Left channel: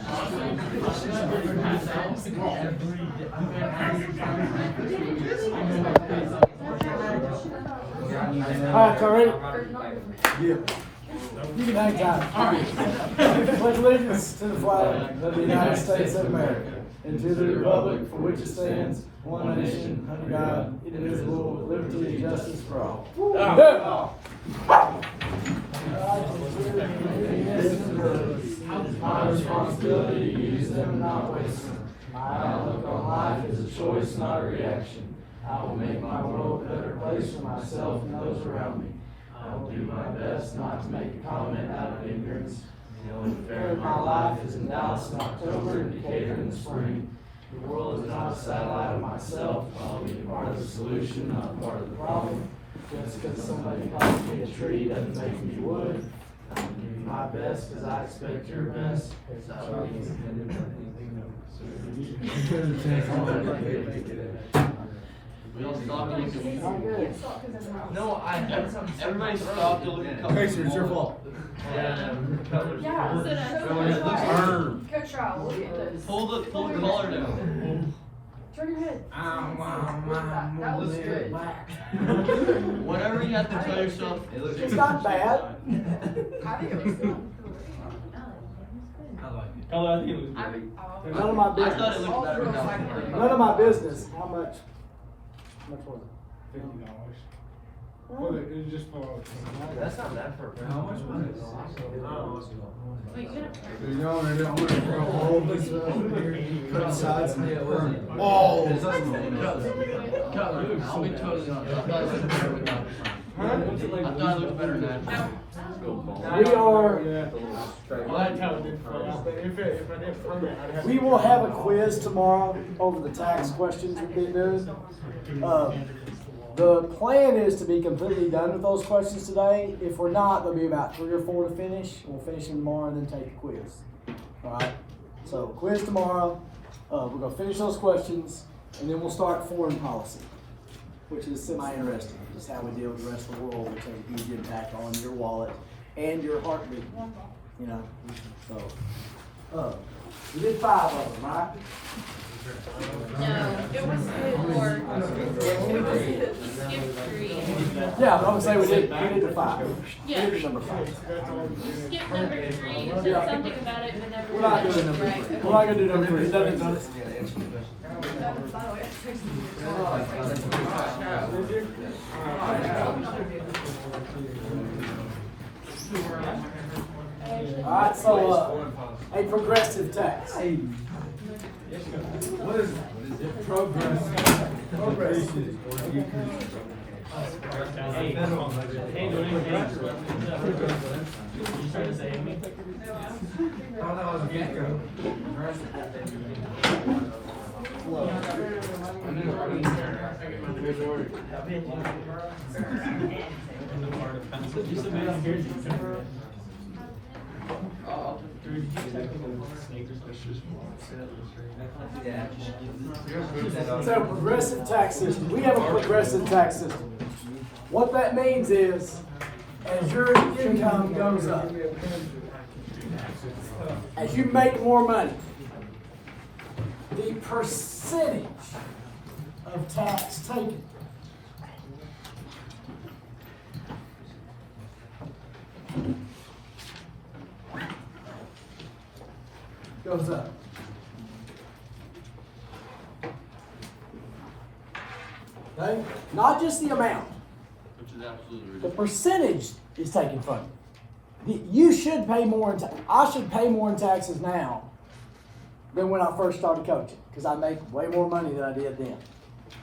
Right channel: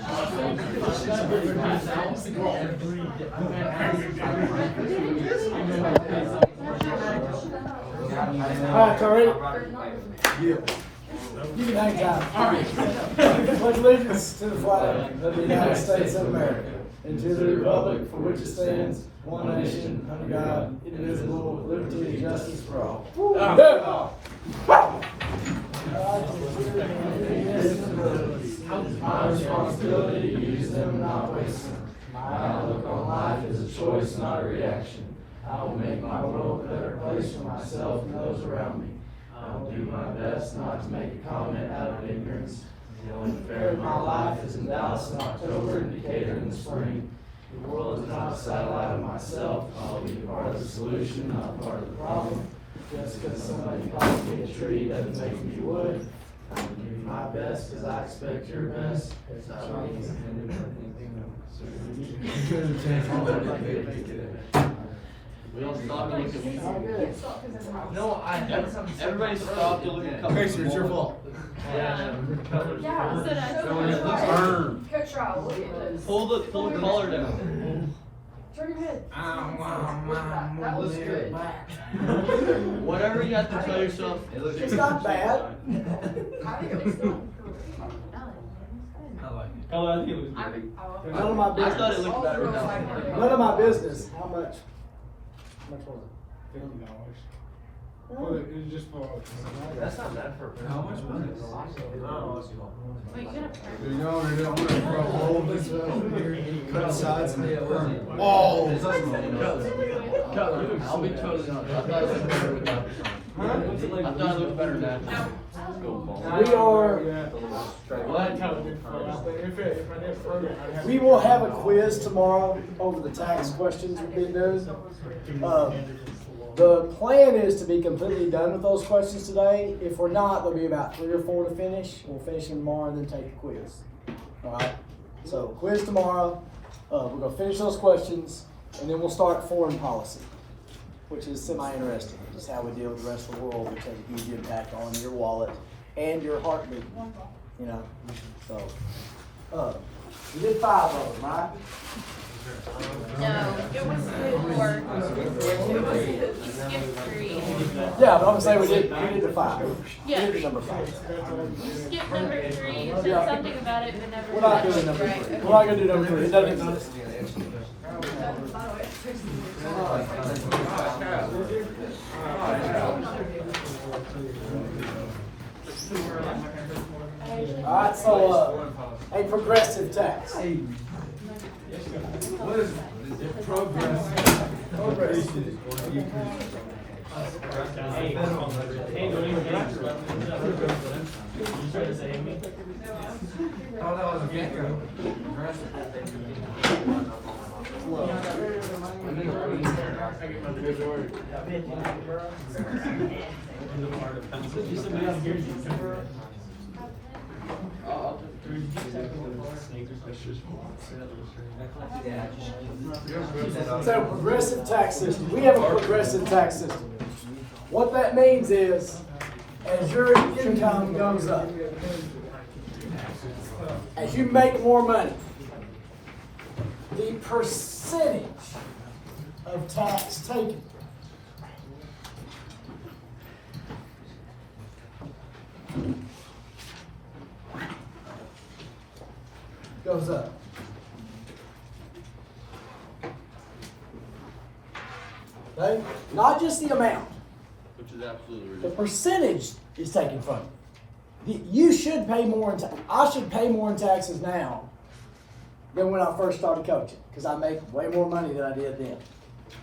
All right, y'all ready? Yeah. You can hang time. Pledge allegiance to the flag of the United States of America and to the republic for which it stands, one nation, under God, indivisible, with liberty and justice for all. My responsibility to use them not waste them. My outlook on life is a choice, not a reaction. I will make my world a better place for myself and those around me. I will do my best not to make a comment out of ignorance. The only fair of my life is in Dallas in October and Decatur in the spring. The world is not a satellite of myself. I'll be part of the solution, not part of the problem. Just because somebody calls me a tree doesn't make me wood. I will do my best because I expect your best. No, I had something. Everybody stopped to look at Tracer, it's your fault. Coach Rob, look at this. Pull the collar down. Turn your head. That looks good. Whenever you have to tell yourself, it looks It's not bad. I think it looks good. None of my I thought it business. looked better now. None of my business. How much? How much was it? $50. Well, it's just for. That's not bad for a How much was it? Wait, you gotta- You know, and then I'm gonna go home, this is cut sides and all. I'll be totally honest. I thought it looked better with that. I thought it looked better now. We will have a quiz tomorrow over the tax questions we've been doing. The plan is to be completely done with those questions today. If we're not, there'll be about 3 or 4 to finish. We'll finish them tomorrow and then take the quiz. All right. So quiz tomorrow. We're gonna finish those questions and then we'll start foreign policy, which is semi-interesting. Just how we deal with the rest of the world, which has a huge impact on your wallet and your heartbeat. You know. So we did 5 of them, right? No, it was more. Yeah, but I'm gonna say we did the 5. Yeah. We did the number 5. Skip number 3, you said Yeah. something about it. And We're not doing number 3. We're not gonna do number 3. It doesn't exist. All right, so a progressive tax. What is progressive? So progressive tax system. We have a progressive tax system. What that means is, as your income goes up, as you make more money, the percentage of tax taken goes up. Okay? Not just the amount. Which is absolutely The ridiculous. percentage is taken from you. You should pay more in I should pay more in taxes now than when I first started coaching, because I make way more money than I did then.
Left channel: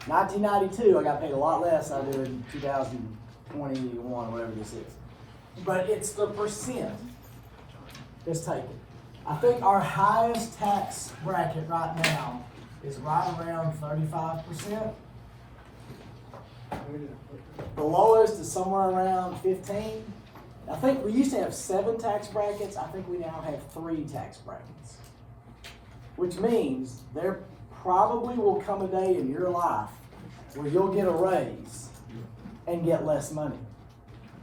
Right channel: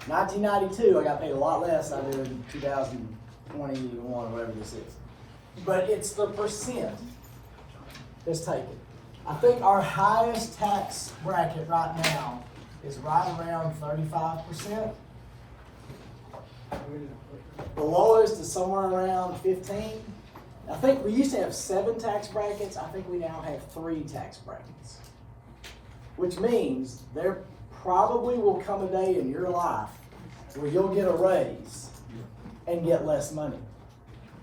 1992, I got paid a lot less than I do in 2021, whatever this is. But it's the percent that's taken. I think our highest tax bracket right now is right around 35%. The lowest is somewhere around 15. I think we used to have 7 tax brackets. I think we now have 3 tax brackets. Which means there probably will come a day in your life where you'll get a raise and get less money.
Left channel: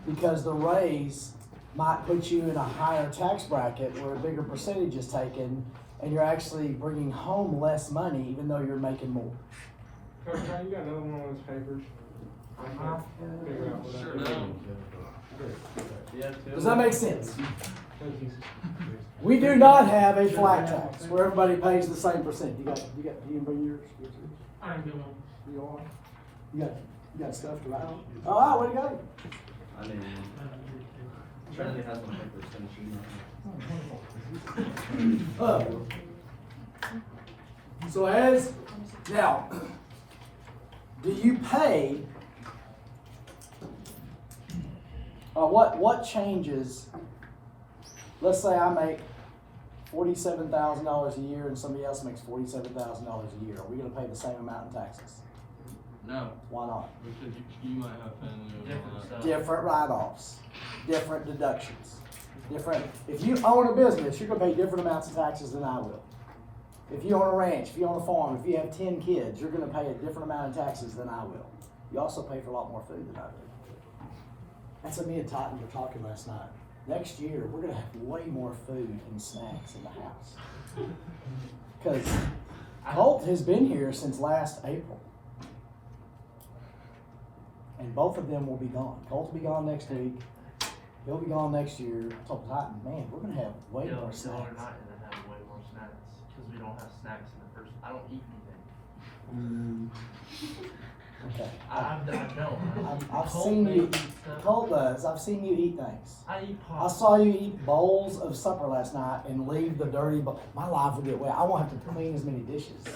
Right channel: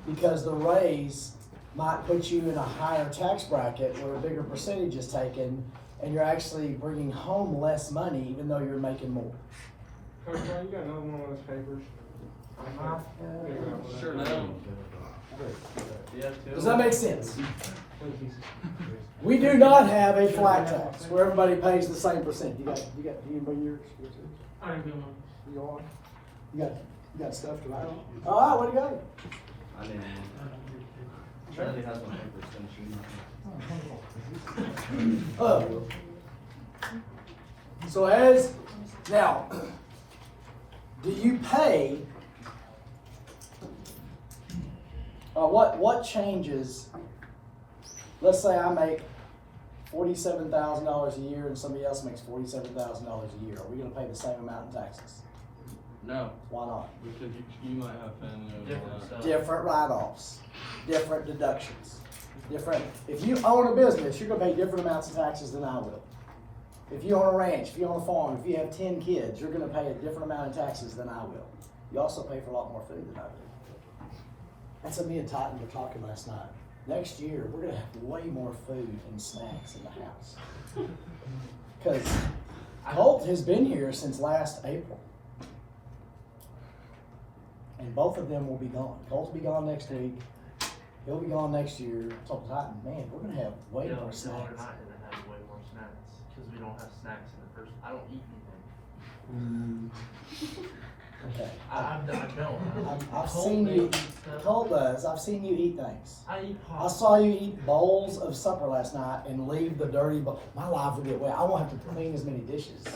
Because the raise might put you in a higher tax bracket where a bigger percentage is taken, and you're actually bringing home less money even though you're making more. Coach John, you got another one of those papers? Sure, no. Does that make sense? We do not have a flat tax where everybody pays the same percent. You bring yours? You on? You got stuff to write on? All right, what do you got? I mean, Charlie has my papers, So now, do you pay, what changes, let's say I make $47,000 a year and somebody else makes $47,000 a year, are we gonna pay the same amount in taxes? No. Why not? Because you might have family. Different write-offs, different deductions, different, if you own a business, you're gonna pay different amounts of taxes than I will. If you own a ranch, if you own a farm, if you have 10 kids, you're gonna pay a different amount of taxes than I will. You also pay for a lot more food than I do. That's what me and Titan were talking last night. Next year, we're gonna have way more food and snacks in the house. Cause Colt has been here since last April. And both of them will be gone. Colt will be gone next week. He'll be gone next year. I told Titan, man, we're gonna have way more snacks. We're not gonna have way more snacks because we don't have snacks in the first. I don't eat anything. Okay. I've I've seen you. Colt does. I've seen you eat things. I eat I pop. saw you eat bowls of supper last night and leave the dirty bowl. My life will get wet. I won't have to clean as many dishes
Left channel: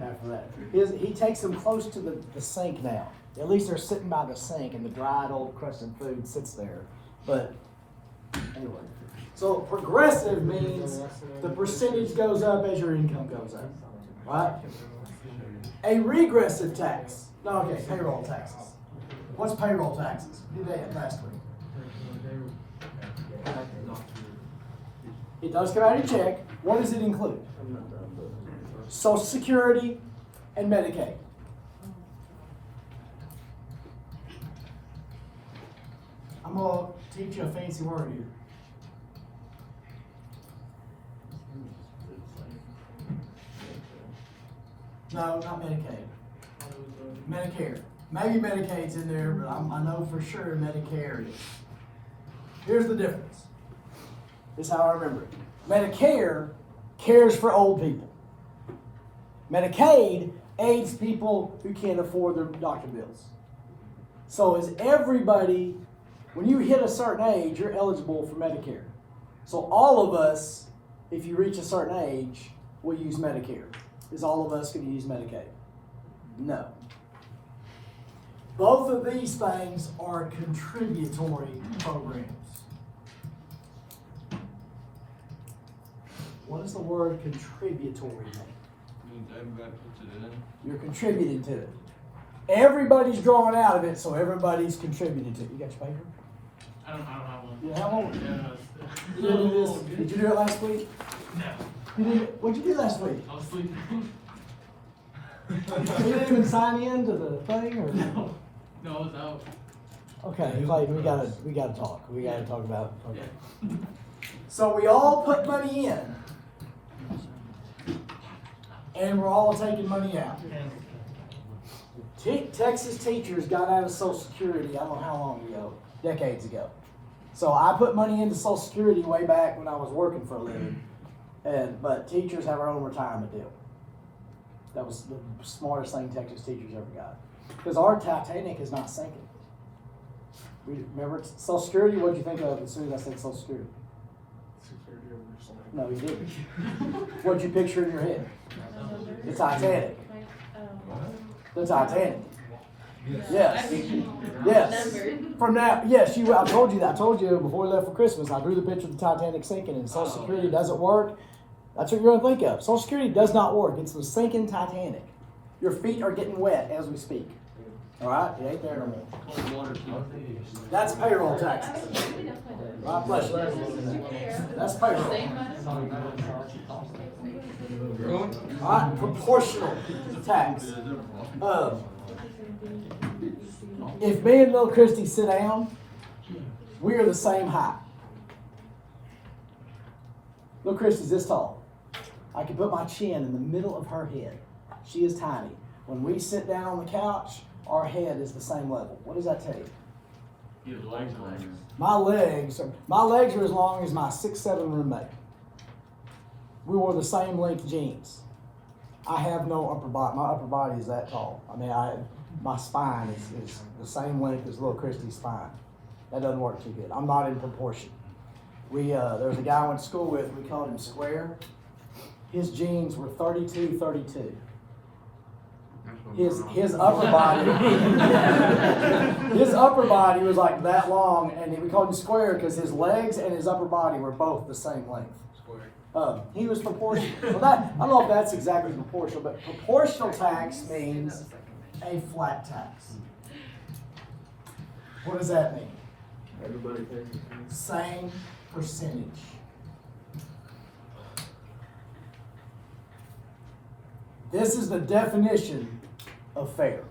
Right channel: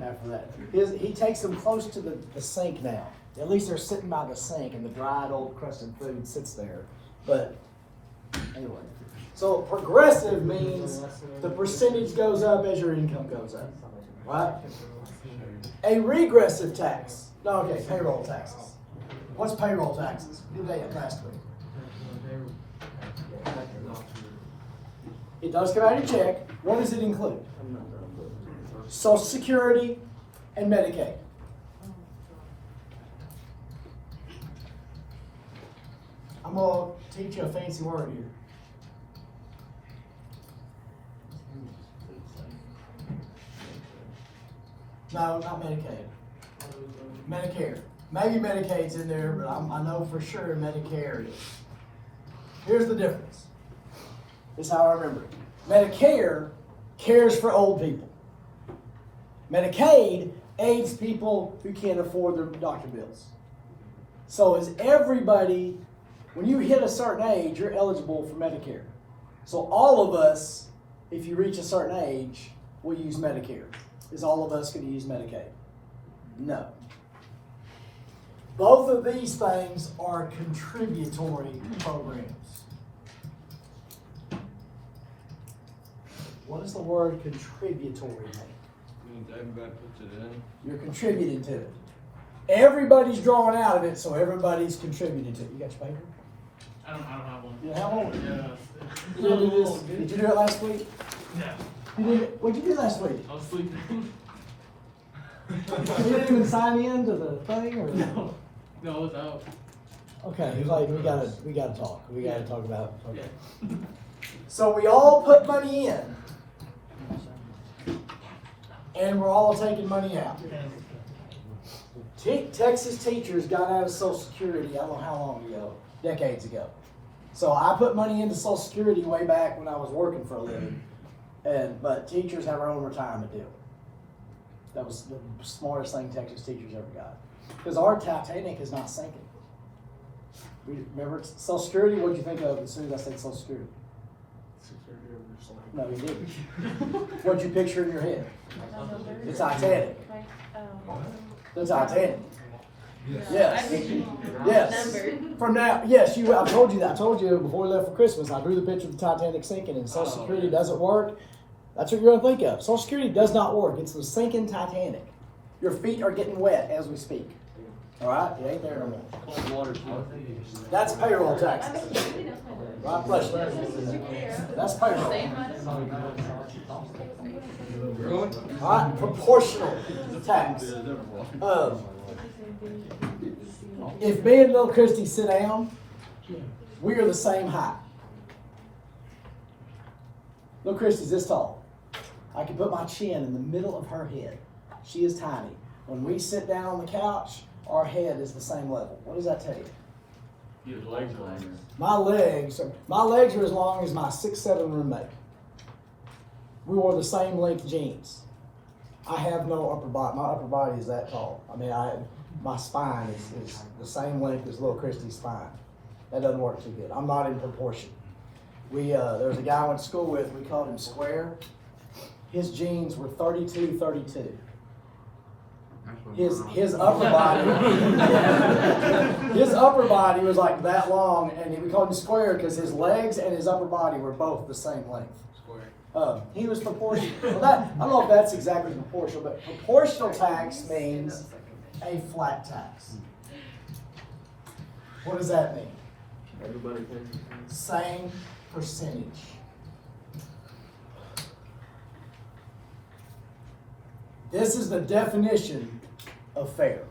after that. He takes them close to the sink now. At least they're sitting by the sink and the dried old crusted food sits there. But anyway, so progressive means the percentage goes up as your income goes up, right? A regressive tax. No, okay, payroll taxes. What's payroll taxes? We did that last week. It does come out of your check. What does it include? Social Security and Medicaid. I'm going to teach you a fancy word here. No, not Medicaid. Medicare. Maybe Medicaid's in there, but I know for sure Medicare is. Here's the difference. This is how I remember it. Medicare cares for old people. Medicaid aids people who can't afford their doctor bills. So is everybody, when you hit a certain age, you're eligible for Medicare. So all of us, if you reach a certain age, will use Medicare. Is all of us going to use Medicaid? No. Both of these things are contributory programs. What does the word contributory mean? Means everybody puts it in. You're contributing to it. Everybody's drawing out of it, so everybody's contributing to it. You got your paper? I don't have one. You have one? You didn't do this? Did you do it last week? No. You did, what'd you do last week? I was sleeping. You didn't even sign in to the thing? Or? No. No, I was out. Okay, Clay, we gotta talk. We gotta talk about it. Okay. So we all put money in, and we're all taking money out. Texas teachers got out of Social Security, I don't know how long ago, decades ago. So I put money into Social Security way back when I was working for a living, but teachers have their own retirement deal. That was the smartest thing Texas teachers ever got. Because our Titanic is not sinking. Remember Social Security? What did you think of as soon as I said Social Security? No, you didn't. What did you picture in your head? The Titanic. The Titanic. Yes. Yes. From now, yes, I told you that. I told you before we left for Christmas, I drew the picture of the Titanic sinking, and Social Security doesn't work. That's what you're going to think of. Social Security does not work. It's the sinking Titanic. Your feet are getting wet as we speak. All right? They ain't there no more. That's payroll taxes. Right? Bless you. That's payroll. All right? Proportional tax. If me and Little Christy sit down, we are the same height. Little Christy's this tall. I can put my chin in the middle of her head. She is tiny. When we sit down on the couch, our head is the same level. What does that tell you? He has legs on him. My legs are as long as my 6'7" roommate. We wore the same length jeans. I have no upper body. My upper body is that tall. I mean, my spine is the same length as little Christy's spine. That doesn't work too good. I'm not in proportion. There was a guy I went to school with, we called him Square. His jeans were 32. His upper body, his upper body was like that long, and we called him Square because his legs and his upper body were both the same length. He was proportional. Well, I don't know if that's exactly proportional, but proportional tax means a flat tax. What does that mean? Same percentage. This is the definition of fair.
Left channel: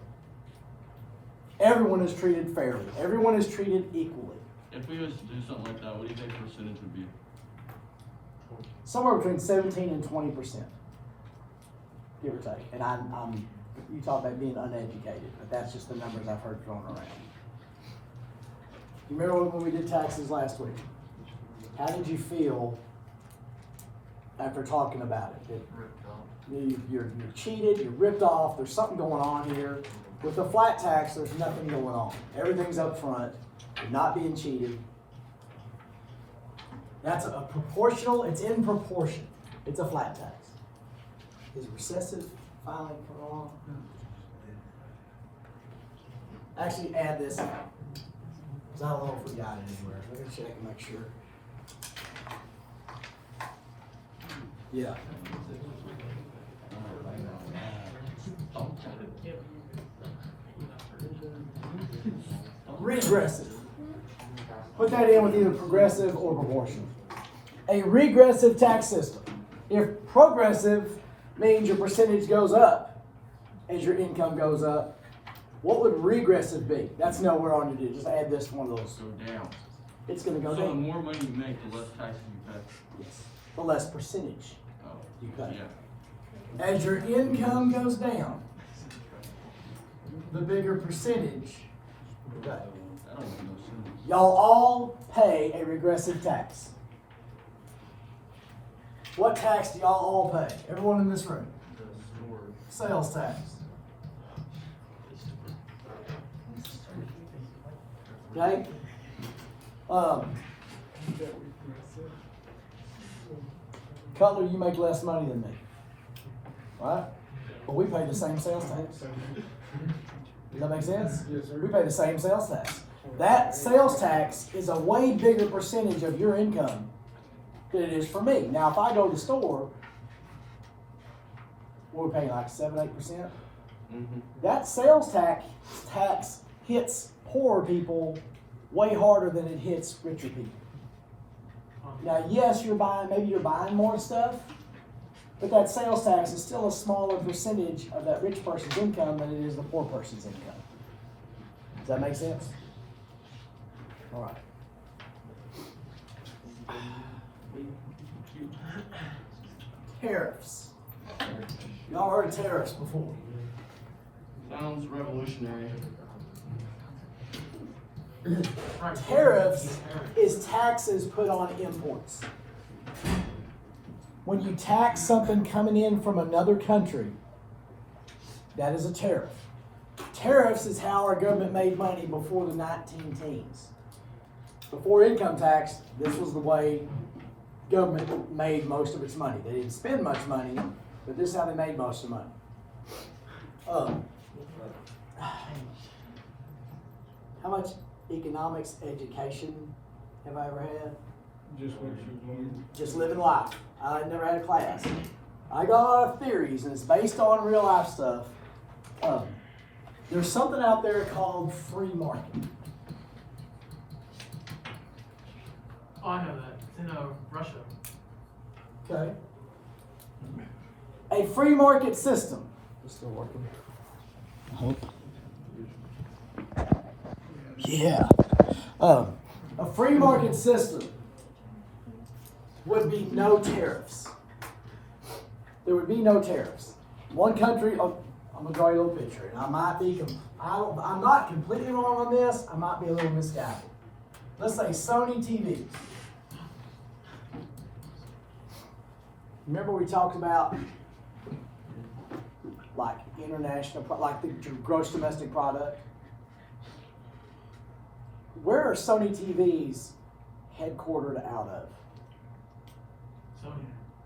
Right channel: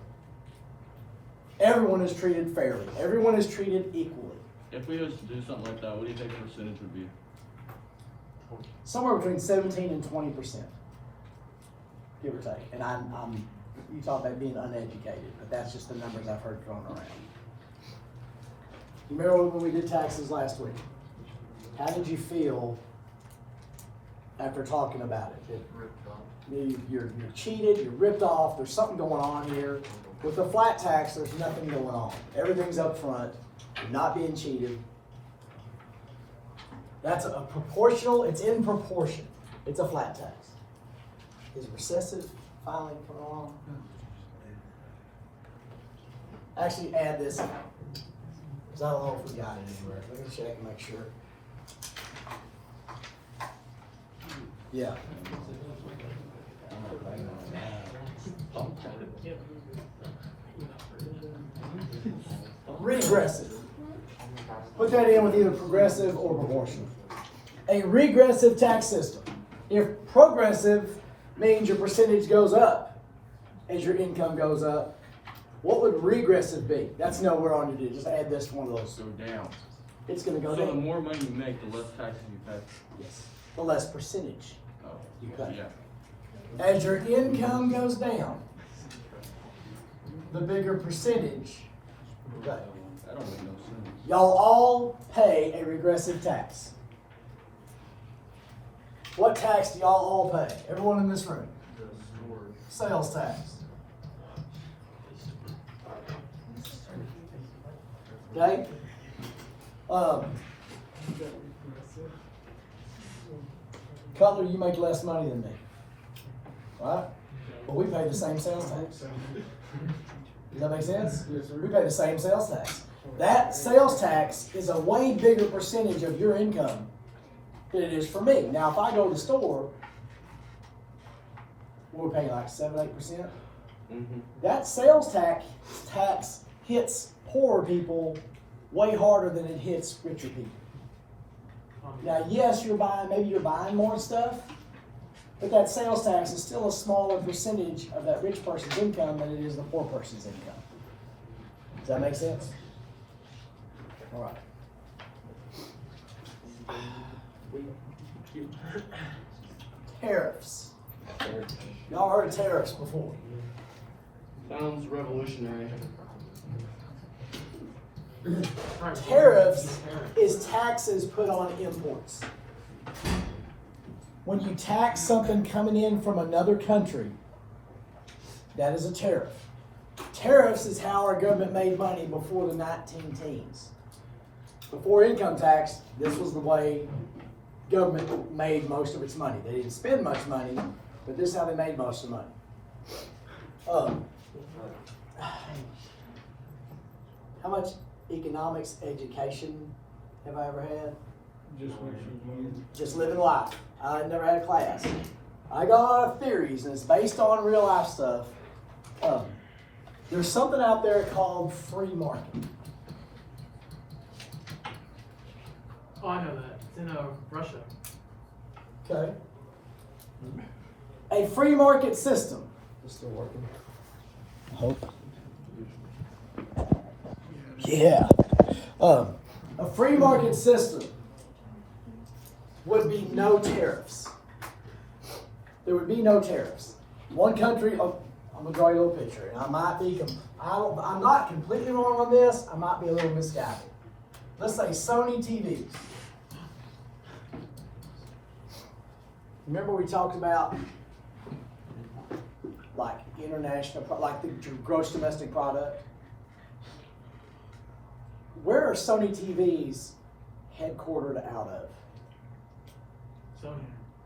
Everyone is treated fairly. Everyone is treated equally. If we was to do something like that, what do you think the percentage would be? Somewhere between 17 and 20%, give or take. And you talk about being uneducated, but that's just the numbers I've heard thrown around. You remember when we did taxes last week? How did you feel after talking about it? You're cheated, you're ripped off, there's something going on here. With the flat tax, there's nothing going on. Everything's up front, you're not being cheated. That's a proportional, it's in proportion. It's a flat tax. Is recessive finally coming along? Actually, add this on. Because I don't know if we got it anywhere. Let me check and make sure. Yeah. Regressive. Put that in with either progressive or proportional. A regressive tax system. If progressive means your percentage goes up as your income goes up, what would regressive be? That's nowhere on your deal. Just add this to one of those. Go down. It's going to go So the down. more money you make, the less taxes you pay. Yes. The less percentage Oh, you pay. yeah. As your income goes down, the bigger percentage you pay. That don't make no sense. Y'all all pay a regressive tax. What tax do y'all all pay? Everyone in this room. Sales tax. Okay? Cutler, you make less money than me. Right? But we pay the same sales tax. Does that make sense? Yes, sir. We pay the same sales tax. That sales tax is a way bigger percentage of your income than it is for me. Now, if I go to the store, what are we paying, like 7-8%? That sales tax hits poor people way harder than it hits richer people. Now, yes, maybe you're buying more stuff, but that sales tax is still a smaller percentage of that rich person's income than it is the poor person's income. Does that make sense? All right. Tariffs. Y'all heard of tariffs before? Sounds revolutionary. Tariffs is taxes put on imports. When you tax something coming in from another country, that is a tariff. Tariffs is how our government made money before the 1910s. Before income tax, this was the way government made most of its money. They didn't spend much money, but this is how they made most of the money. How much economics education have I ever had? Just what you need. Just living life. I never had a class. I got a lot of theories, and it's based on real life stuff. There's something out there called free market. Oh, I know that. It's in Russia. Okay. A free market system. It's still working. I hope. Yeah. A free market system would be no tariffs. There would be no tariffs. One country, oh, I'm gonna draw you a little picture, and I might be, I'm not completely wrong on this, I might be a little misguided. Let's say Sony TVs. Remember we talked about like international, like the gross domestic product? Where are Sony TVs headquartered out of?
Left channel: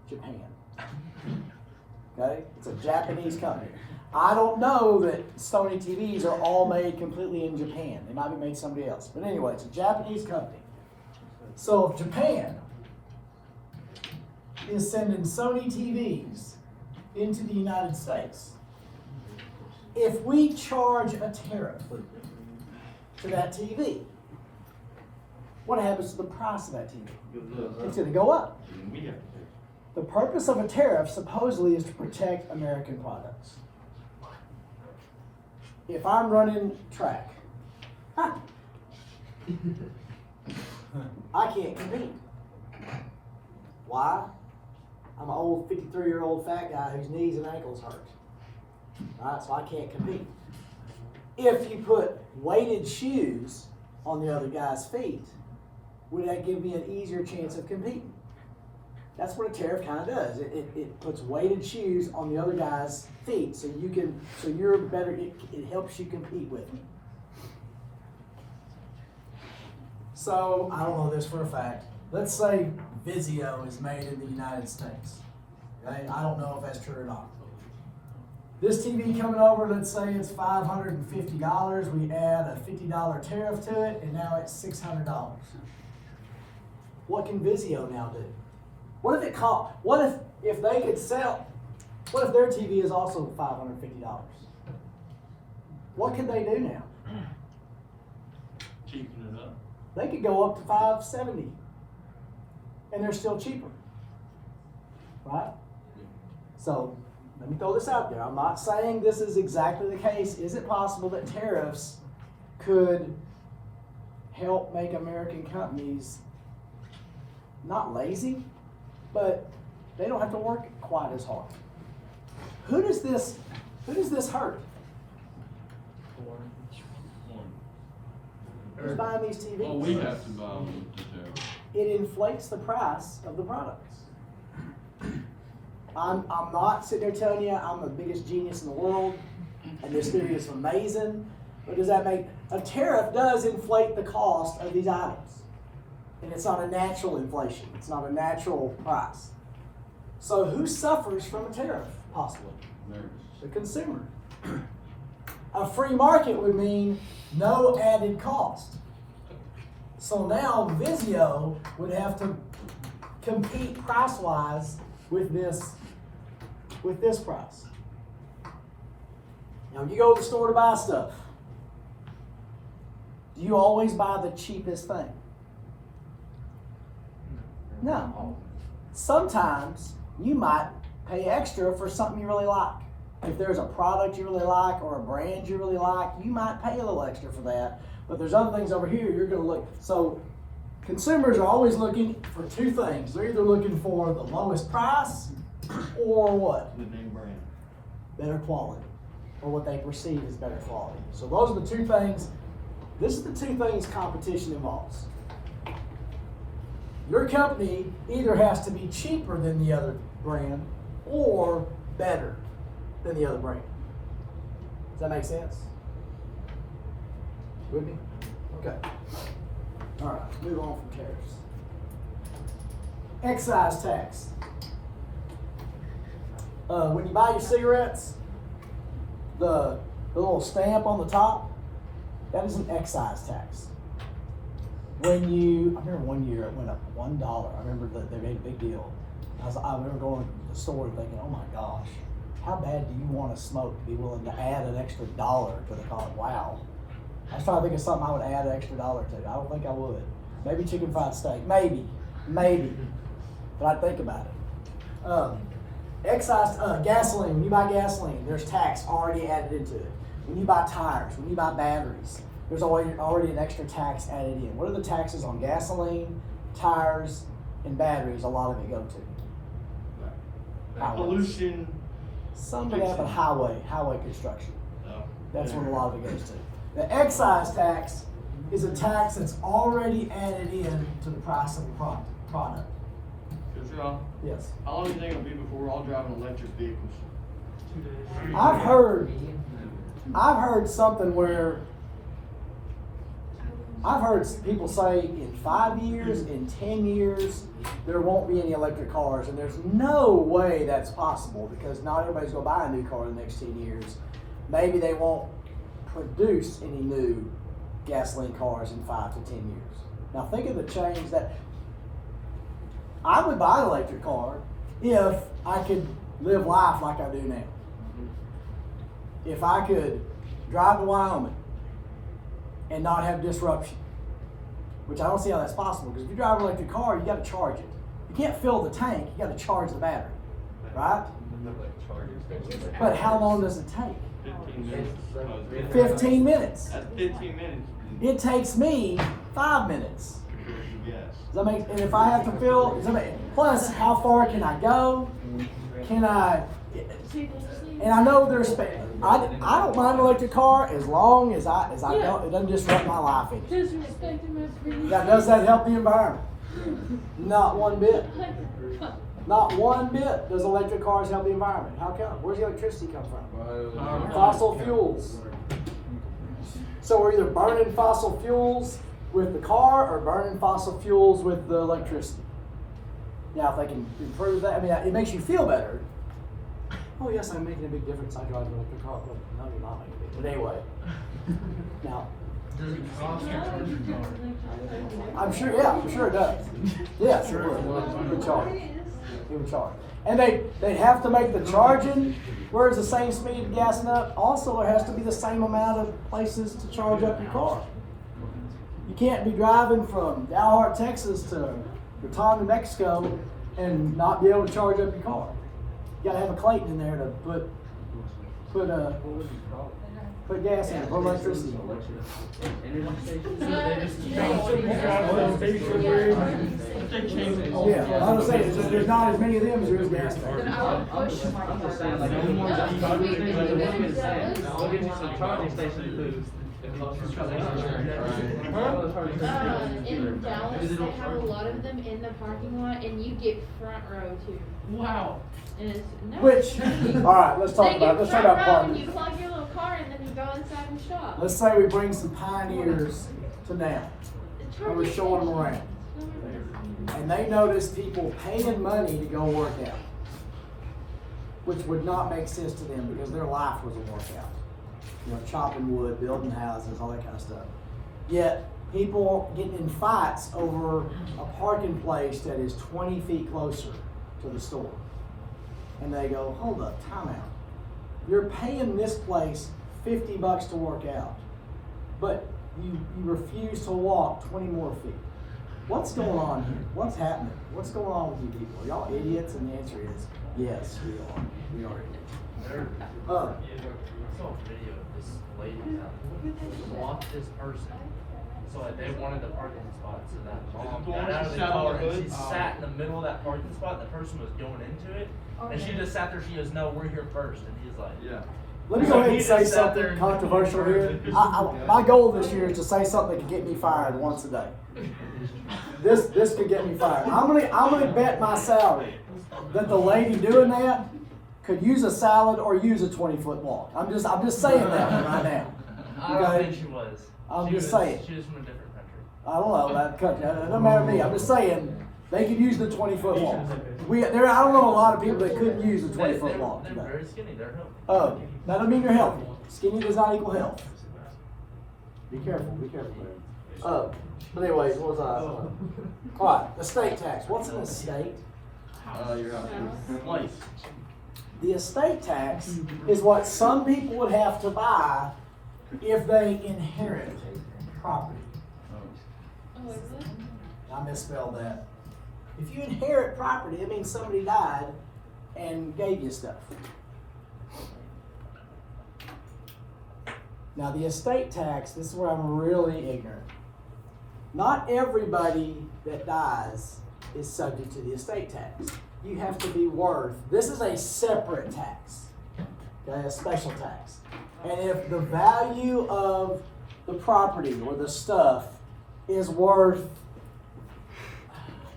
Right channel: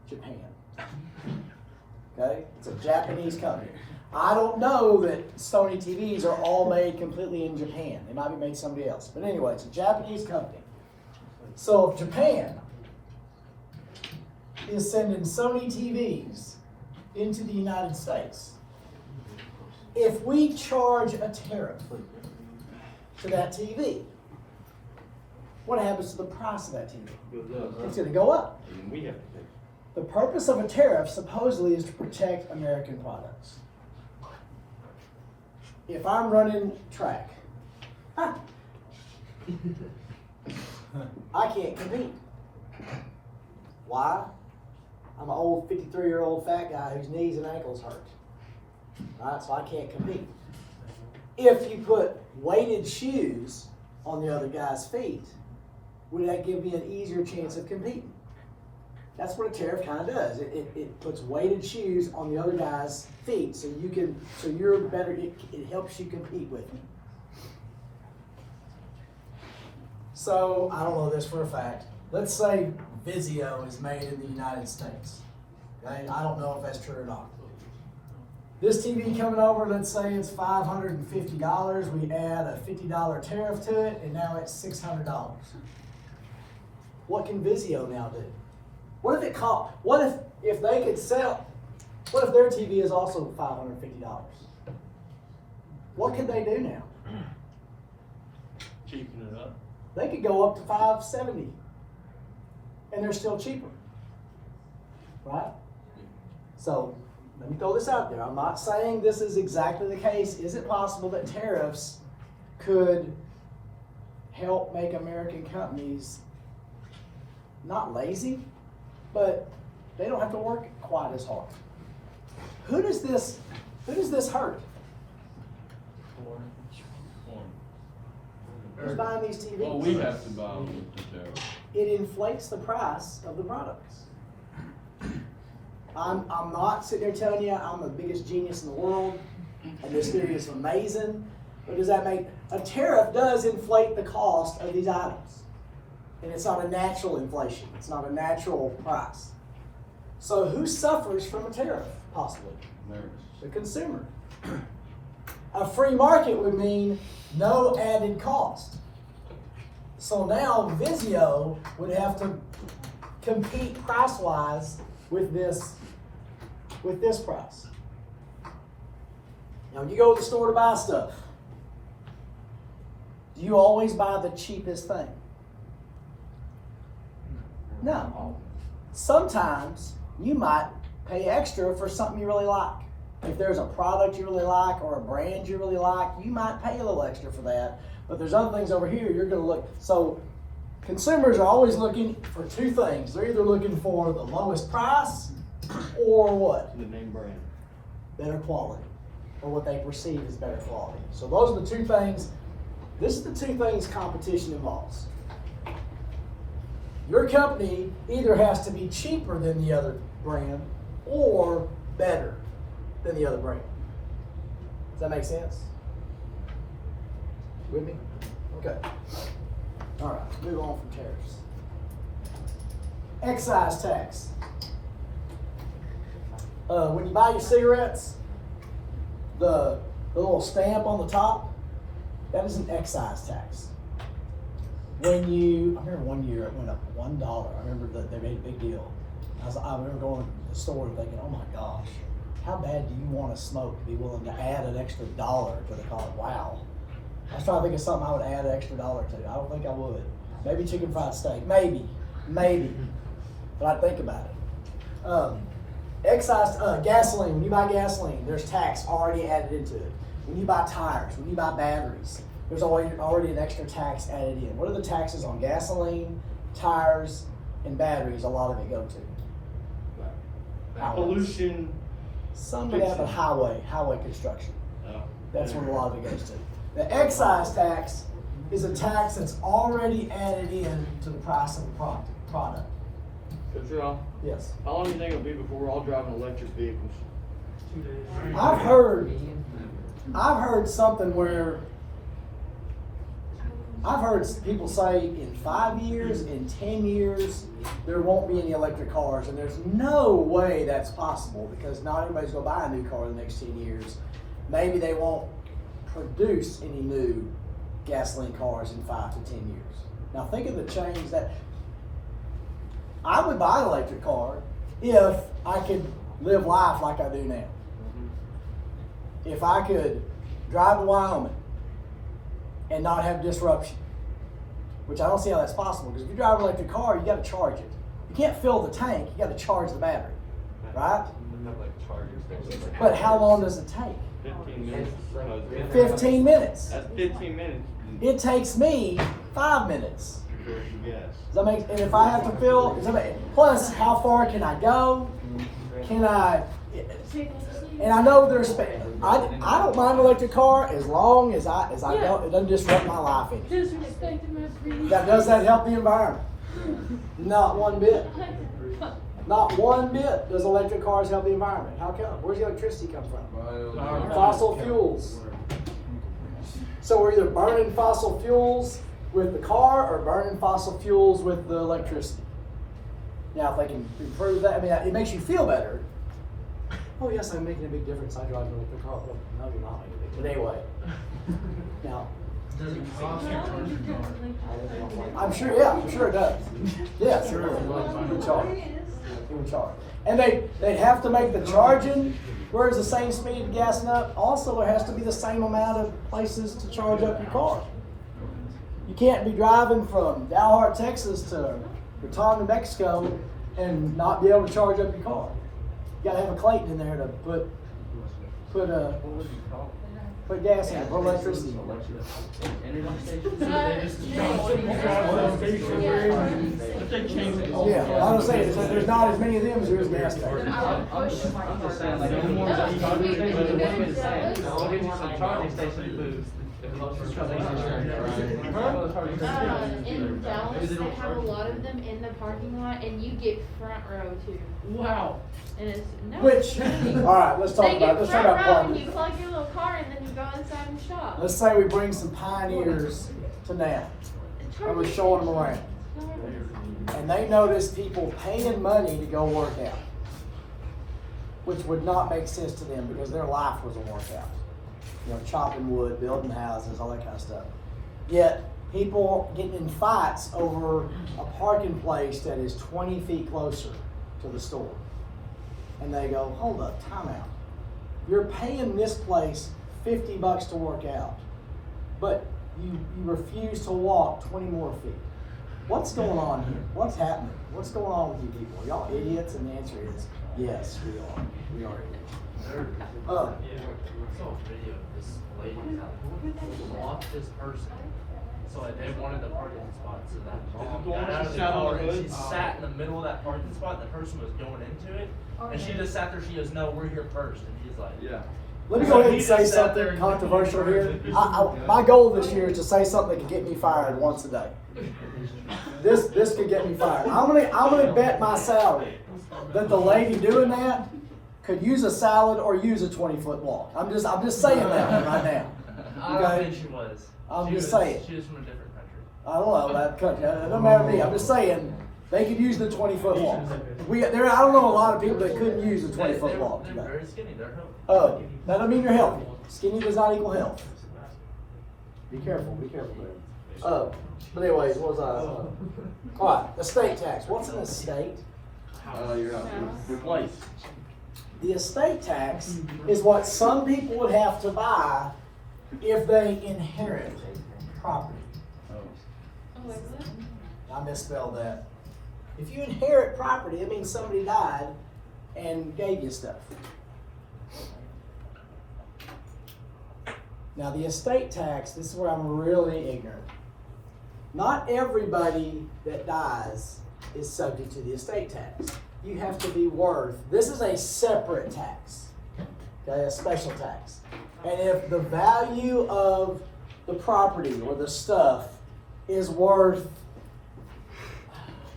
Japan. Okay, it's a Japanese company. I don't know that Sony TVs are all made completely in Japan. They might be made somebody else. But anyway, it's a Japanese company. So if Japan is sending Sony TVs into the United States, if we charge a tariff to that TV, what happens to the price of that TV? It's going to go up. The purpose of a tariff supposedly is to protect American products. If I'm running track, I can't compete. Why? I'm an old 53-year-old fat guy whose knees and ankles hurt. Right? So I can't compete. If you put weighted shoes on the other guy's feet, would that give me an easier chance of competing? That's what a tariff kind of does. It puts weighted shoes on the other guy's feet, so you're better. It helps you compete with them. So I don't know this for a fact. Let's say Vizio is made in the United States. Okay? I don't know if that's true or not. This TV coming over, let's say it's $550. We add a $50 tariff to it, and now it's $600. What can Vizio now do? What if if they could sell? What if their TV is also $550? What could they do now? Cheapen it up. They could go up to $570, and they're still cheaper, right? So let me throw this out there. I'm not saying this is exactly the case. Is it possible that tariffs could help make American companies not lazy, but they don't have to work quite as hard? Who does this hurt? Who's buying these TVs? Well, we have to buy them with the tariff. It inflates the price of the products. I'm not sitting there telling you I'm the biggest genius in the world and this theory is amazing, but does that make a tariff does inflate the cost of these items? And it's not a natural inflation. It's not a natural price. So who suffers from a tariff, possibly? The consumer. A free market would mean no added cost. So now Vizio would have to compete price-wise with this price. Now you go to the store to buy stuff. Do you always buy the cheapest thing? No. Sometimes you might pay extra for something you really like. If there's a product you really like or a brand you really like, you might pay a little extra for that. But there's other things over here you're going to look. So consumers are always looking for two things. They're either looking for the lowest price or what? The name brand. Better quality, or what they perceive as better quality. So those are the two things. This is the two things competition involves. Your company either has to be cheaper than the other brand or better than the other brand. Does that make sense? With me? Okay. All right, let's move on from tariffs. Excise tax. When you buy your cigarettes, the little stamp on the top, that is an excise tax. I remember one year it went up $1. I remember that they made a big deal. I remember going to the store and thinking, oh my gosh, how bad do you want to smoke to be willing to add an extra $1 to the cost? Wow. I was trying to think of something I would add an extra $1 to. I don't think I would. Maybe chicken fried steak. Maybe. But I'd think about it. Gasoline. When you buy gasoline, there's tax already added into it. When you buy tires, when you buy batteries, there's already an extra tax added in. What are the taxes on gasoline, tires, and batteries, a lot of it go to. Pollution. Some of that, but highway construction. That's what a lot of it goes to. The excise tax is a tax that's already added in to the price of the product. Yes. How long do you think it'll be before we're all driving electric vehicles? I've heard something where I've heard people say in 5 years, in 10 years, there won't be any electric cars, and there's no way that's possible because not everybody's gonna buy a new car in the next 10 years. Maybe they won't produce any new gasoline cars in 5 to 10 years. Now think of the change that I would buy an electric car if I could live life like I do now. If I could drive to Wyoming and not have disruption, which I don't see how that's possible, because if you drive an electric car, you got to charge it. You can't fill the tank, you got to charge the battery, right? But how long does it take? 15 minutes. That's 15 minutes. It takes me 5 minutes. Does that make, and if I have to fill, does that make, plus how far can I go? Can I, and I know there's, I don't mind an electric car as long as I don't, it doesn't disrupt my life any. Does that help the environment? Not one bit. Not one bit does electric cars help the environment. How come? Where's the electricity come from? Fossil fuels. So we're either burning fossil fuels with the car or burning fossil fuels with the electricity. Now, if they can improve that, I mean, it makes you feel better. Oh yes, I'm making a big difference. I drive an electric car. Well, no, you're not making a big. But anyway, now. I'm sure. Yeah, I'm sure it does. Yeah, sure. It would charge. It would charge. And they have to make the charging where it's the same speed of gassing up. Also, there has to be the same amount of places to charge up your car. You can't be driving from Dalhart, Texas to Raton, New Mexico and not be able to charge up your car. You gotta have a Clayton in there to put gas in it, put electricity in it. Yeah, I was saying, there's not as many of them as there is gas stations. In Dallas, they have a lot of them in the parking lot, and you get front row too. Wow. And it's Which, all right, let's talk about parking. You parking. plug your little car and then you go inside and shop. Let's say we bring some pioneers to now, and we're showing them around. And they notice people paying money to go work out, which would not make sense to them because their life was a workout. You know, chopping wood, building houses, all that kind of stuff. Yet, people getting in fights over a parking place that is 20 feet closer to the store. And they go, hold up, time out. You're paying this place $50 to work out, but you refuse to walk 20 more feet. What's going on here? What's happening? What's going on with you people? Are y'all idiots? And the answer is, yes, we are. We are idiots. I saw a video of this lady blocked this person. So that they wanted the parking spot, so that got out of the car and she sat in the middle of that parking spot. The person was going into it, and she just sat there. She goes, "No, we're here first." And he's like, "Yeah." Let me go ahead and say something controversial here. My goal this year is to say something that can get me fired once a day. This could get me fired. I'm gonna bet my salary that the lady doing that could use a salad or use a 20-foot walk. I'm just saying that right now. I don't Okay? think she was. I'm She just was- saying. She was from a different country. I don't know that country. It doesn't matter to me. I'm just saying they could use the 20-foot walk. I don't know a lot of people that couldn't use the 20-foot walk They're today. very skinny. They're healthy. Oh, that doesn't mean you're healthy. Skinny does not equal health. Be careful, there. But anyways, what was I? All right, estate tax. What's an estate? Your place. The estate tax is what some people would have to buy if they inherit property. I misspelled that. If you inherit property, it means somebody died and gave you stuff. Now the estate tax, this is where I'm really ignorant. Not everybody that dies is subject to the estate tax. You have to be worth, this is a separate tax, okay, a special tax. And if the value of the property or the stuff is worth,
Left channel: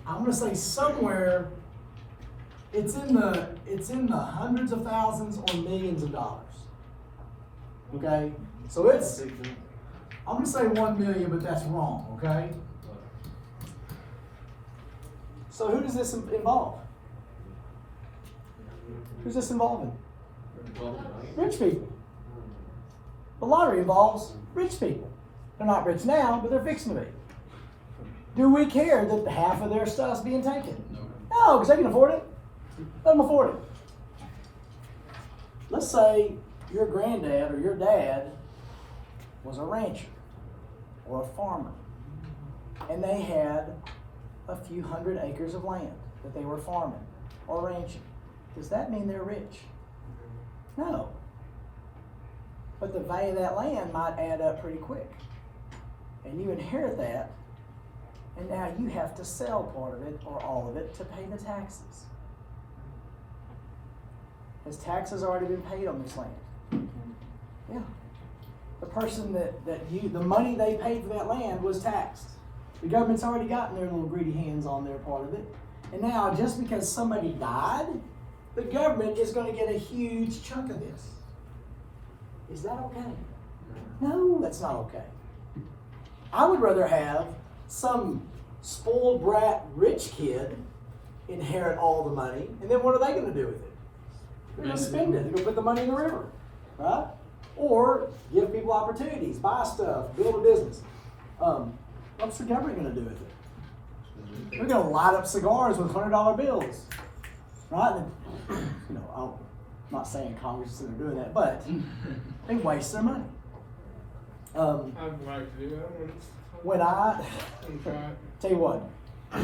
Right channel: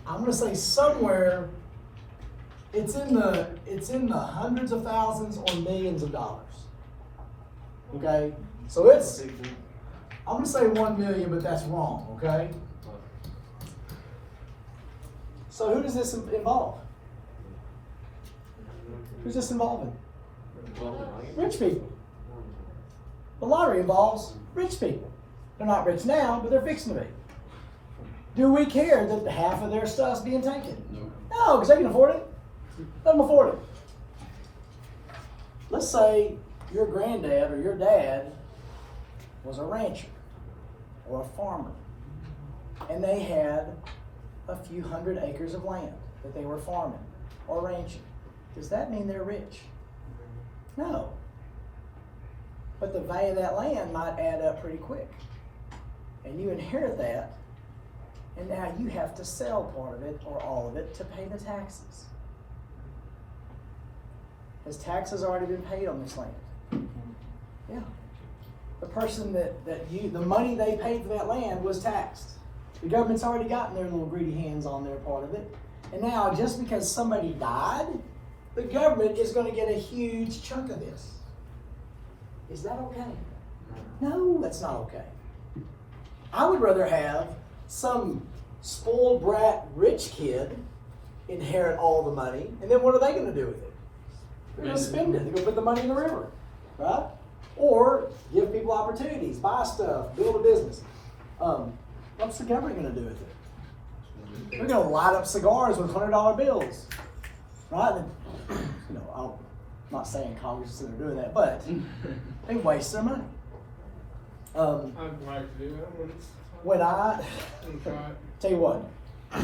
I'm gonna say somewhere, it's in the hundreds of thousands or millions of dollars. Okay, so it's, I'm gonna say 1 million, but that's wrong, okay? So who does this involve? Who's this involving? Rich people. The lottery involves rich people. They're not rich now, but they're fixing to be. Do we care that half of their stuff's being taken? No, because they can afford it. Let them afford it. Let's say your granddad or your dad was a rancher or a farmer, and they had a few hundred acres of land that they were farming or ranching. Does that mean they're rich? No. But the value of that land might add up pretty quick. And you inherit that, and now you have to sell part of it or all of it to pay the taxes. Has taxes already been paid on this land? Yeah. The person the money they paid for that land was taxed. The government's already gotten their little greedy hands on their part of it. And now, just because somebody died, the government is going to get a huge chunk of this. Is that okay? No, that's not okay. I would rather have some spoiled brat rich kid inherit all the money, and then what are they going to do with it? They're going to spend it. They're going to put the money in the river, right? Or give people opportunities, buy stuff, build a business. What's the government going to do with it? They're going to light up cigars with $100 bills, right? And, I'm not saying Congress is doing that, but they waste their money. When I tell you what,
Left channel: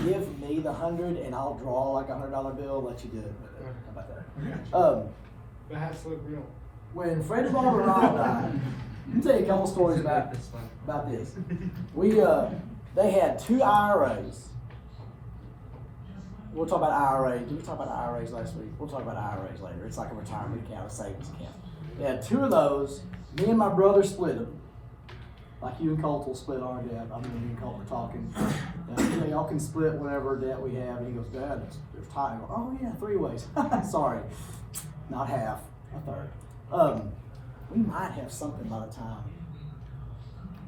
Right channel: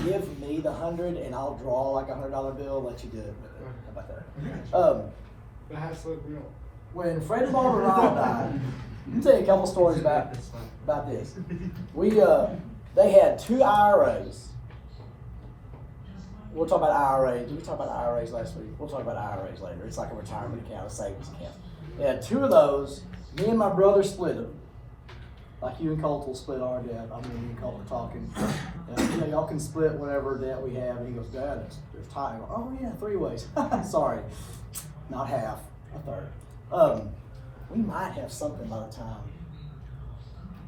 give me the 100 and I'll draw like a $100 bill. Let you do it. How about that? When Fred and Barbara Ryle died, I'll tell you a couple stories about this. They had 2 IRAs. We'll talk about IRAs. Did we talk about IRAs last week? We'll talk about IRAs later. It's like a retirement account, a savings account. They had 2 of those. Me and my brother split them. Like you and Colt will split our debt. I remember you and Colt were talking. Yeah, y'all can split whatever debt we have. And he goes, Dad, there's time. I go, oh yeah, 3 ways. Sorry, not half, a third. We might have something by the time.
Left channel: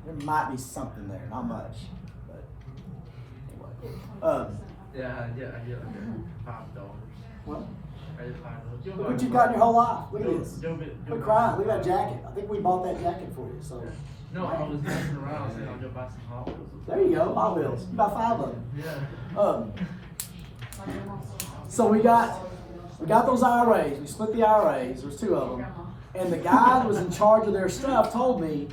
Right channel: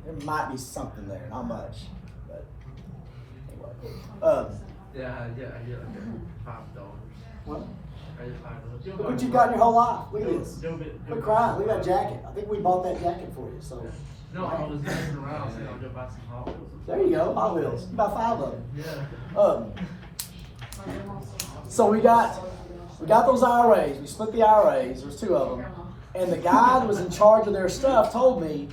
There might be something there, not much, but anyway. Yeah, I get like $5. What? I get $5. Look what you've got in your whole life. Look at this. Quit crying. Look at that jacket. I think we bought that jacket for you. So. No, I was messing around saying I'll go buy some Hot Wheels. There you go, Hot Wheels. You got 5 of them. Yeah. So we got those IRAs. We split the IRAs. There's 2 of them. And the guy that was in charge of their stuff told me,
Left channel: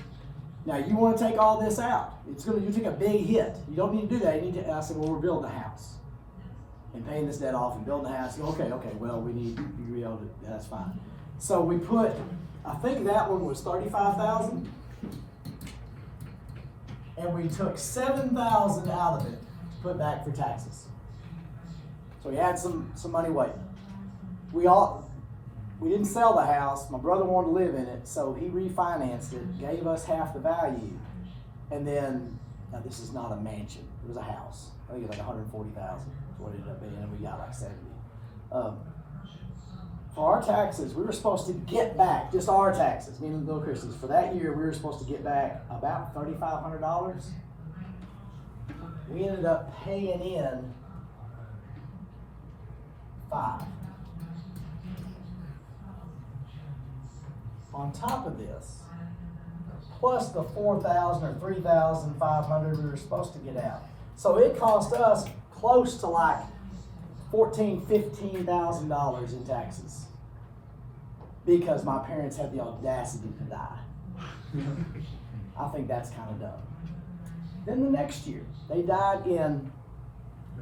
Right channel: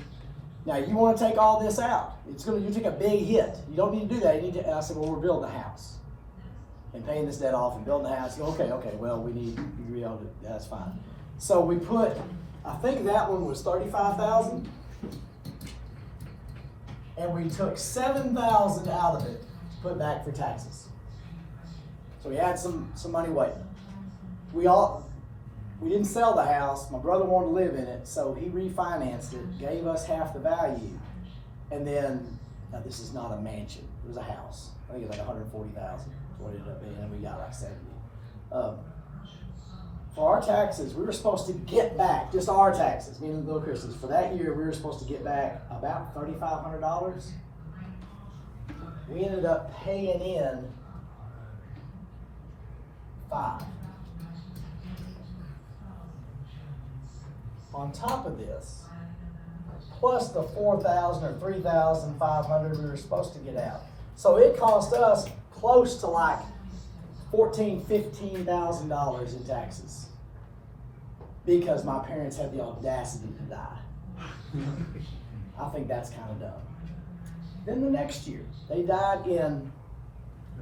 now you want to take all this out. You take a big hit. You don't need to do that. You need to. And I said, well, we're building a house and paying this debt off and building a house. Okay. Well, we need you to be able to. That's fine. So we put. I think that one was $35,000, and we took $7,000 out of it to put back for taxes. So we had some money waiting. We didn't sell the house. My brother wanted to live in it, so he refinanced it, gave us half the value, and then now this is not a mansion. It was a house. I think it was like $140,000. What it ended up being, and we got like 70. For our taxes, we were supposed to get back just our taxes, me and Little Chris's. For that year, we were supposed to get back about $3,500. We ended up paying in $5,000. On top of this, plus the $4,000 or $3,500 we were supposed to get out. So it cost us close to like $14,000, $15,000 in taxes because my parents had the audacity to die. I think that's kind of dumb. Then the next year, they died in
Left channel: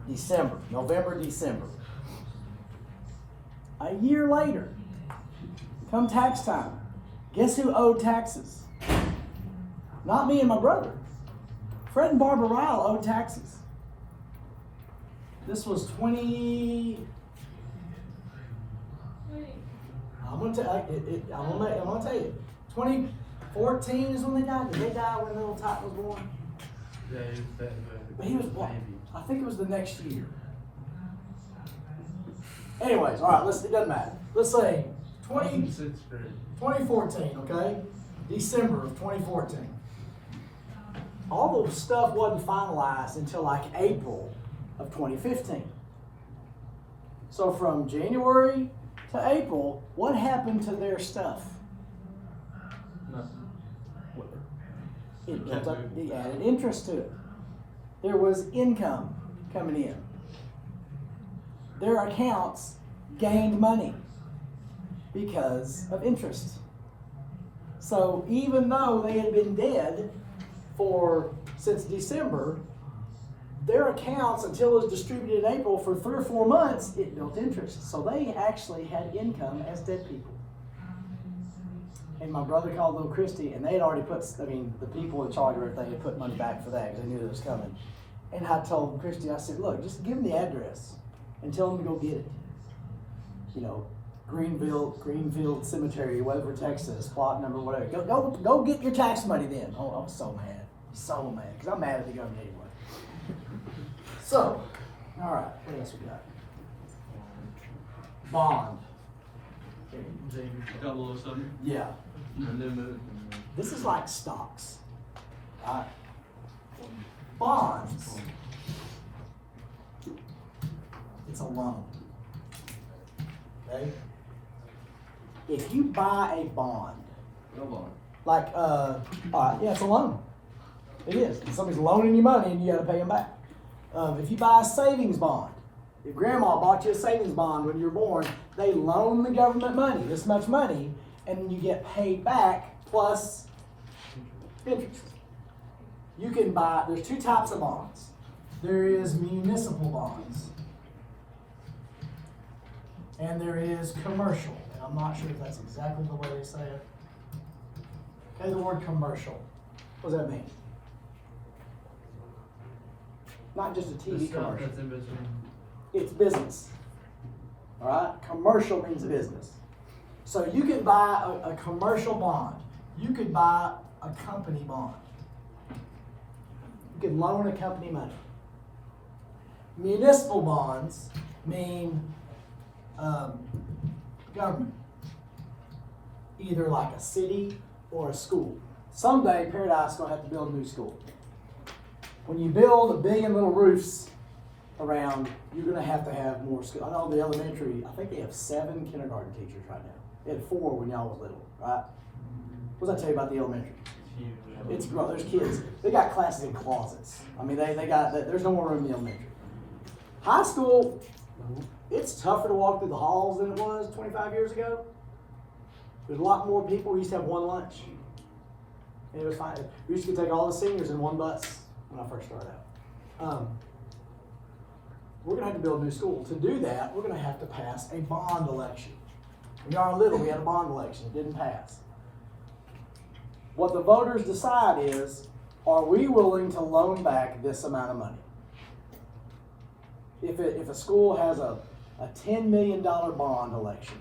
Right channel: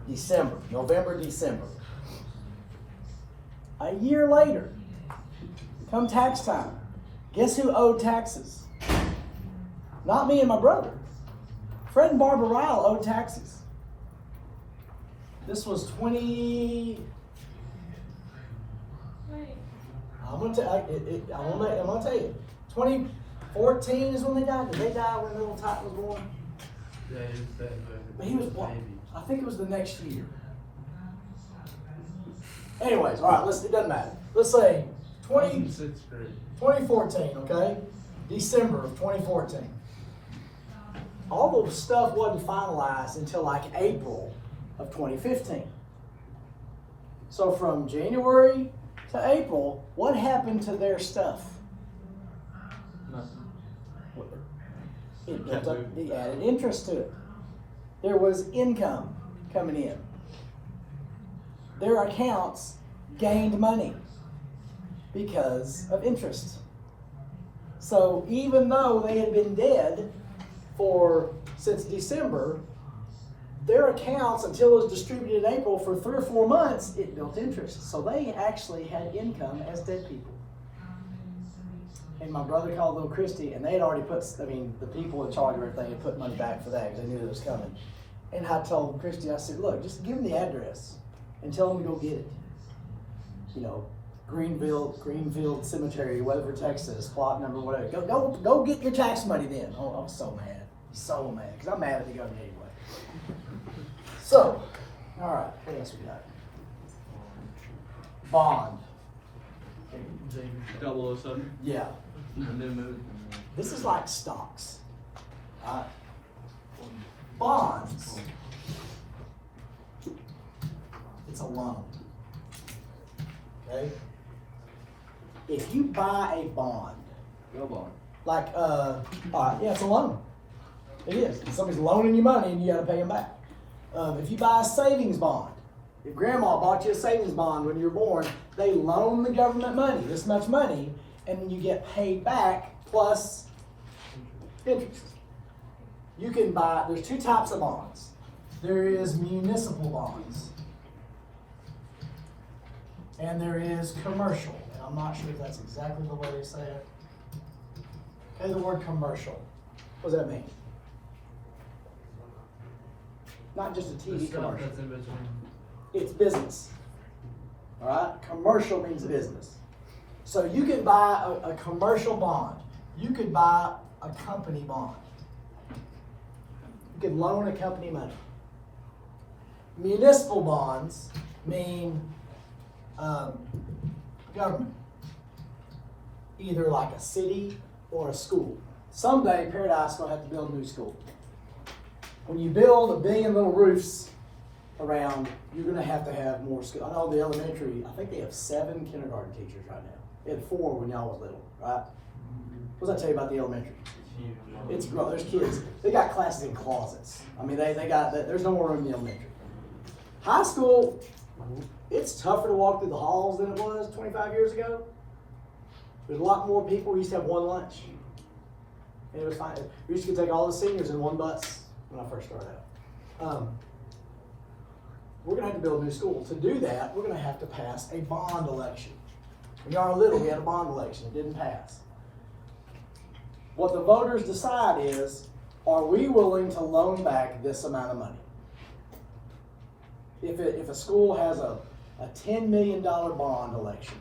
December, November, December. A year later, come tax time, guess who owed taxes? Not me and my brother. Fred and Barbara Ryle owed taxes. This was 20. I'm gonna tell you. 2014 is when they died. Did they die when little Titan was born? Yeah, he was dead. But he was born. I think it was the next year. Anyways, all right. It doesn't matter. Let's say 2014. Okay, December of 2014. All the stuff wasn't finalized until like April of 2015. So from January to April, what happened to their stuff? It built up, it added interest to it. There was income coming in. Their accounts gained money because of interest. So even though they had been dead since December, their accounts, until it was distributed in April for 3 or 4 months, it built interest. So they actually had income as dead people. And my brother called them Christy, and they had already the people in charge of everything had put money back for that because they knew it was coming. And I told Christy, I said, look, just give them the address and tell them to go get it. You know, Greenfield Cemetery, Weatherford, Texas, plot number, whatever. Go get your tax money then. Oh, I'm so mad. So mad, because I'm mad at the government anyway. So, all right, what else we got? Bond. Yeah. This is like stocks. Right? Bonds. It's a loan. Okay? If you buy a bond, like, it's a loan. It is. Somebody's loaning you money and you got to pay them back. If you buy a savings bond, if grandma bought you a savings bond when you were born, they loan the government money, this much money, and then you get paid back plus interest. You can buy, there's 2 types of bonds. There is municipal bonds, and there is commercial. And I'm not sure if that's exactly the way they say it. Okay, the word commercial. What does that mean? Not just a TV commercial. It's business. All right? Commercial means business. So you can buy a commercial bond. You could buy a company bond. You could loan a company money. Municipal bonds mean government. Either like a city or a school. Someday Paradise is going to have to build a new school. When you build 1 billion little roofs around, you're going to have more schools. I know the elementary, I think they have 7 kindergarten teachers right now. They had 4 when y'all was little, right? What does that tell you about the elementary? It's grown. There's kids. They got classes in closets. I mean, there's no more room in the elementary. High school, it's tougher to walk through the halls than it was 25 years ago. There's a lot more people. We used to have 1 lunch. And it was fine. We used to take all the seniors in 1 bus when I first started out. We're going to have to build a new school. To do that, we're going to have to pass a bond election. When y'all were little, we had a bond election. It didn't pass. What the voters decide is, are we willing to loan back this amount of money? If a school has a $10 million bond election,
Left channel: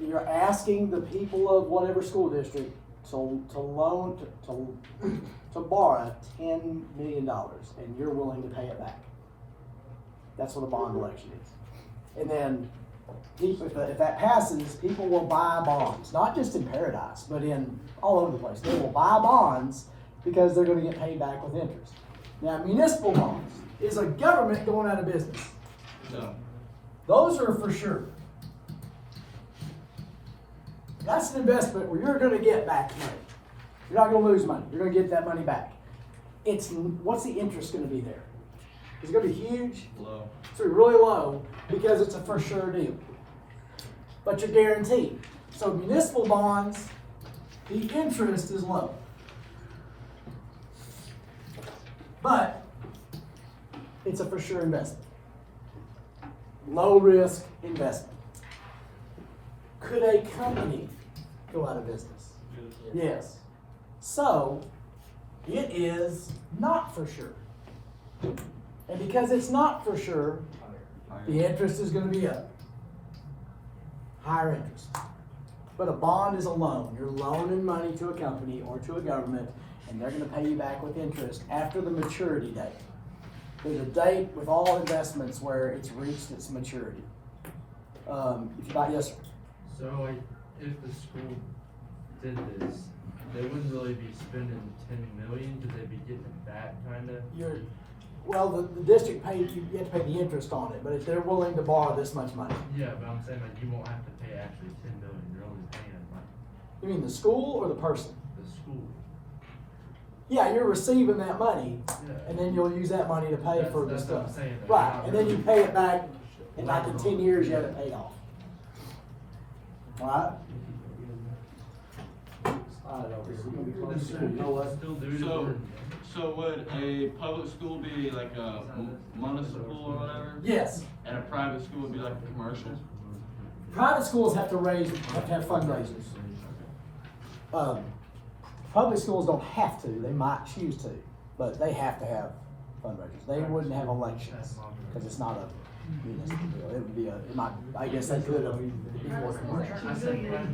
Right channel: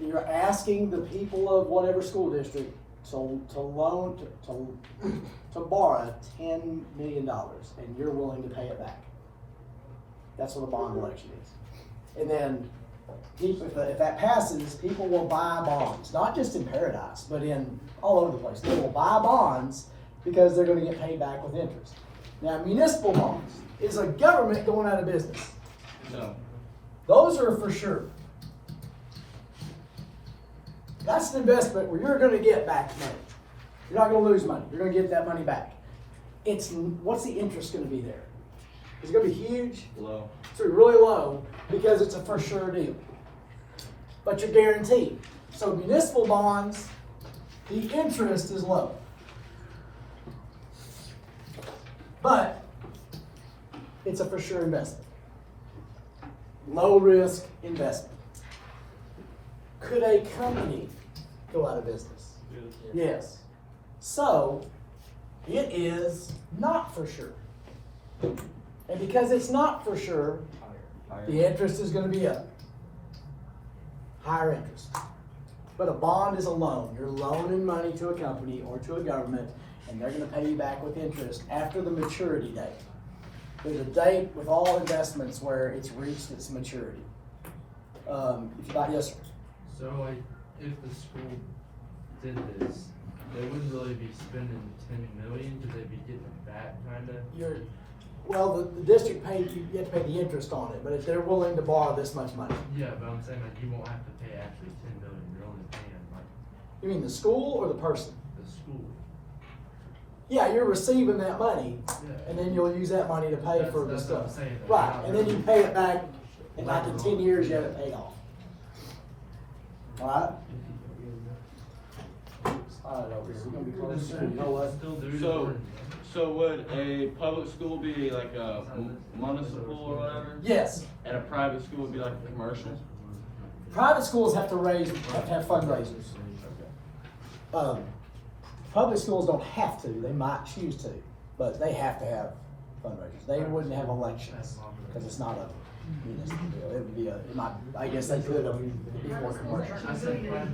you're asking the people of whatever school district to borrow $10 million, and you're willing to pay it back. That's what a bond election is. And then, if that passes, people will buy bonds, not just in Paradise, but all over the place. They will buy bonds because they're going to get paid back with interest. Now, municipal bonds is a government going out of business. No. Those are for sure. That's an investment where you're going to get back money. You're not going to lose money. You're going to get that money back. What's the interest going to be there? Is it going to be huge? Low. It's really low because it's a for sure deal. But you're guaranteed. So municipal bonds, the interest is low. But it's a for sure investment. Low risk investment. Could a company go out of business? Yes. So it is not for sure. And because it's not for sure, the interest is gonna be up. Higher interest. But a bond is a loan. You're loaning money to a company or to a government, and they're gonna pay you back with interest after the maturity date. There's a date with all investments where it's reached its maturity. If you buy, yes, sir. So like, if the school did this, they wouldn't really be spending 10 million, because they'd be getting it back, kinda? Well, the district pays, you have to pay the interest on it, but if they're willing to borrow this much money. Yeah, but I'm saying like, you won't have to pay actually 10 million, you're only paying like You mean the school or the person? the school. Yeah, you're receiving that money, Yeah. and then you'll use that money to pay for the That's what I'm stuff. saying. Right, and then you pay it back, and like in 10 years, you have it paid off. Alright? I don't know, we're gonna be close. You know what? Still do So, it. so would a public school be like a municipal or whatever? Yes, And a private school would be like a commercial? private schools have to have fundraisers. Public schools don't have to, they might choose to, but they have to have fundraisers. They wouldn't have elections, because it's not a municipal deal. It would be I guess they could, it'd be more commercial. I said, yeah.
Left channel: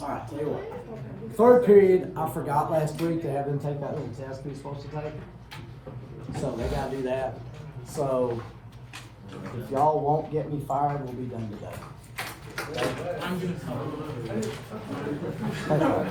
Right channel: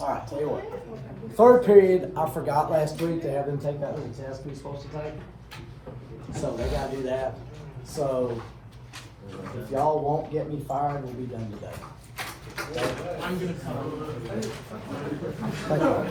All right, tell you what. Third period, I forgot last week to have them take that little test we were supposed to take. So they gotta do that. So if y'all won't get me fired, we'll be done today. I'm gonna